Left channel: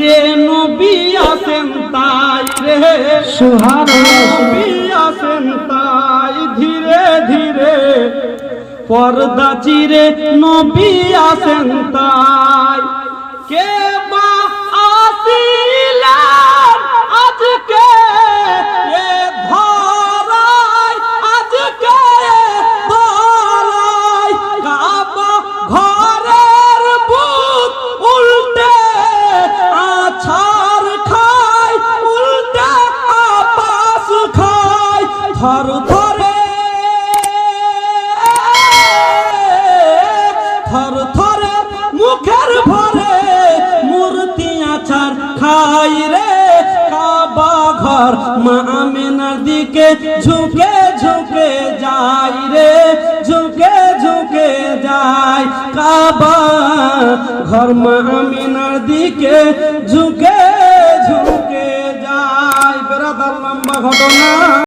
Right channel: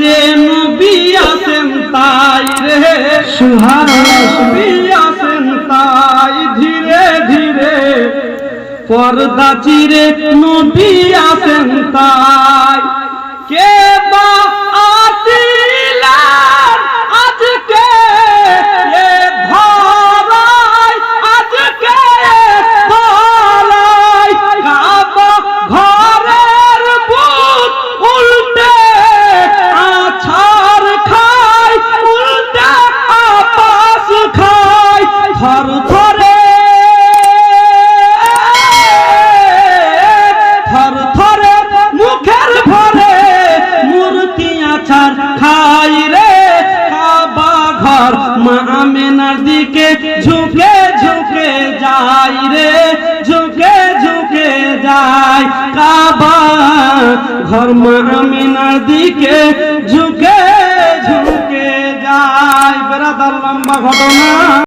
রে নবী আছেন তাই রে। সুবহানাল্লাহ নবী আছেন তাই ধীরে ধীরে। পর্দা চিরে নবী আছেন তাই। মা আমেনার দিকে ঝুঁকে ঝুঁকে যাই রে, ঝুঁকে ঝুঁকে যাই কাবা, ঘর মামেনার দিকে ঝুঁকে ঝুঁকে যাই বেড়াদার লম্বা ঘটনা।